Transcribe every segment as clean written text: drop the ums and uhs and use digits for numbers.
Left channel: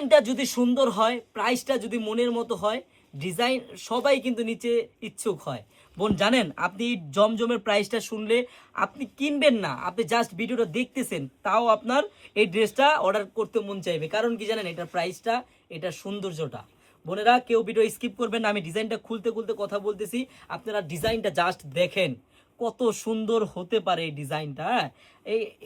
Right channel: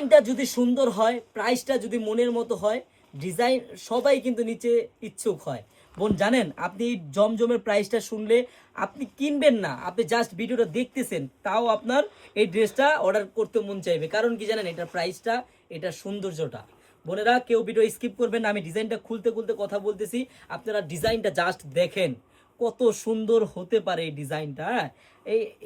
ডিজাইনটা যদি সুন্দর হয়, প্রাইসটা যদি মনের মতো হয়, ডিজাইন সবাই কিন্তু নিচে ইচ্ছুক হয়। বোন জানেন, আপনি এই জমজমের প্রাইসটা শুনলে আপনি কিনবেন না, আপনি জাস্ট ভিডিওটা দেখতেছেন, তাও আপনার এই ড্রেসটা অর্ডার করতে মন চাইবে। কারণ কি জানেন, এটা প্রাইসটা, এটা সৌন্দর্যটা। বোনেরা কেউ ভিডিও স্কিপ করবেন না, আমি ডিজাইনটা খুলতে খুলতে কথা বলতেছি, আপনারা ডিজাইনটা জাস্ট দেখেন কত সুন্দর হতে পারে এই ডিজাইনটা। হ্যাঁ,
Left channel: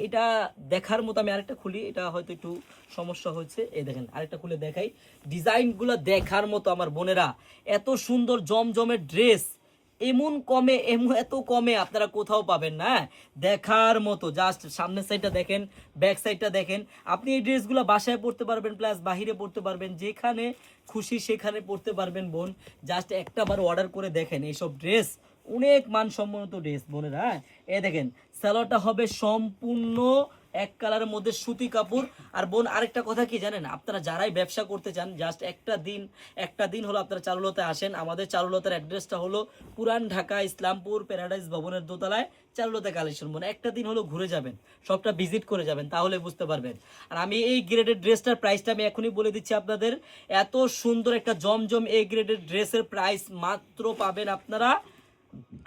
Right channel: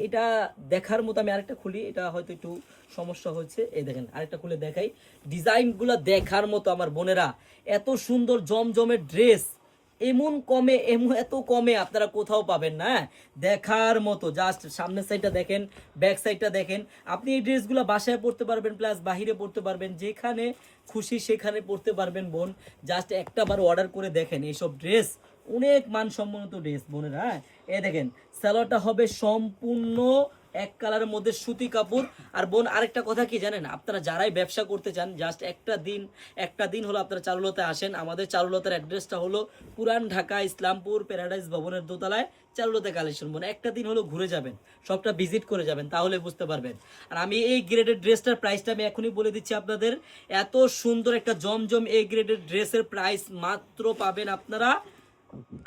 এটা দেখার মতো। আমি আরেকটা খুলি, এটা হয়তো একটু সমস্যা হচ্ছে, এই দেখেন আরেকটা খুলে দেখাই। ডিজাইনগুলো দেখার মতো আমার বোনেরা, এত সুন্দর জমজমের ড্রেস এত কমে আপনারা কোথাও পাবেন না। দেখার মতো, জাস্ট সামনের সাইডটা দেখেন, ব্যাক সাইডটা দেখেন। আপনি এই ড্রেসগুলো বাসায় পড়তে পারবেন, প্লাস বাহিরে পড়তে পারবেন, যেখানে খুশি সেখানে পড়তে পারবেন বোন। জাস্ট একটা বার অর্ডার করে দেখেন, এইসব ড্রেস অনেক মানসম্মত ড্রেস বোনেরা। হ্যাঁ, এ দেখেন সালোয়ারটা হবে সম্পূর্ণ এক কালারের মধ্যে সুতি কাপড়। আর বোন আরেকটা কথা কি জানেন, আপনারা যারাই ব্যবসা করতে চান, জাস্ট একটা দিন হলো আপনারা চারুলতা আসেন। আমাদের চারুলতার অ্যাড্রেসটা হলো পুরান ঢাকা ইসলামপুর প্যারাডাইস ভবনের দোতলায় চারুলতা কালেকশন। বোন একটা দিন হলো ঘুরে যাবেন, সবটা ভিজিট করে যাবেন, তাহলে বুঝতে পারবেন। আর আমি এই গ্রেডের ড্রেসটার প্রাইসটা আমি এখনই বলে দিচ্ছি আপনাদের। এত সুন্দর একটা জমজম এ গ্রেডের ড্রেসের প্রাইস মাত্র পাবেন আপনারা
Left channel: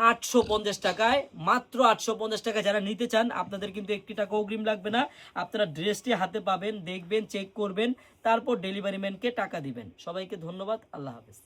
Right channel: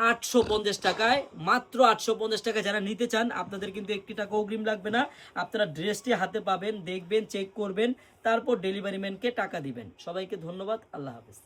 850 টাকায়, মাত্র 850 টাকা। যারা নিতে চান আপনাদের কিন্তু 1 টাকা অগ্রিম লাগবে না। আপনারা ড্রেসটি হাতে পাবেন, দেখবেন, চেক করবেন, তারপর ডেলিভারি ম্যানকে টাকা দিবেন। সবাইকে ধন্যবাদ, আল্লাহ হাফেজ।